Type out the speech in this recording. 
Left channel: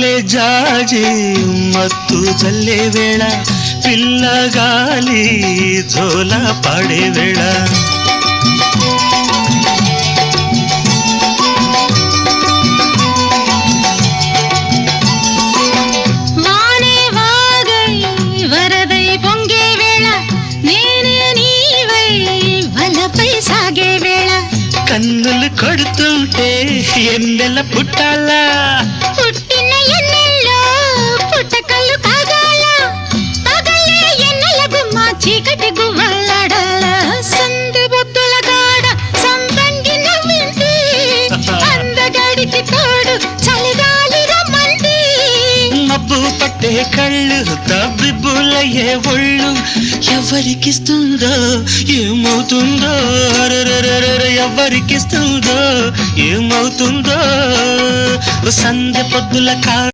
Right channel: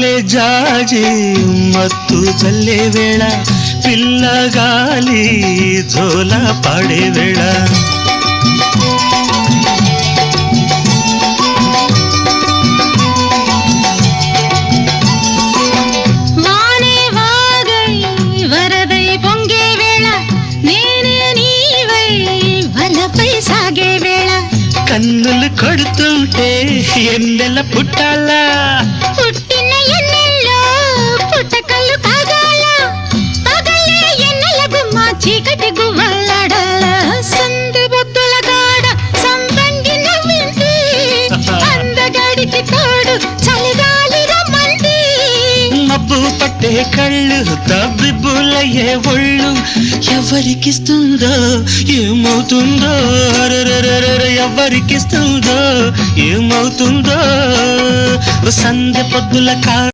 మల్లె జాజి మత్తు చల్లే వేళ పిల్లగాలి జోల పాడే వేళ వానే వాగై వరదై పొంగే వేళ నేనే నీవై వలపై సాగే వేళ కన్నులు కొడుతుంటే ఎన్నెల పుట్టాలా పుట్టిన ఎన్నెల్లో పుట్టకల్లు కాగాల పగలే ఎన్నెల గుమ్మ చీకటి గువ్వలాడాల సంది బొద్దుల గాడ సందంగి నవ్వింది అందగాడికి తోడు చలిగాలి రమ్మంది మబ్బు పట్టే కళ్ళు తబ్బిబ్బులయ్యే ఒళ్ళు ఎవరికిస్తుందో ఏమవుతుందో ఎవరికిస్తుందో ఏమవుతుందో సంధ్య పొద్దుల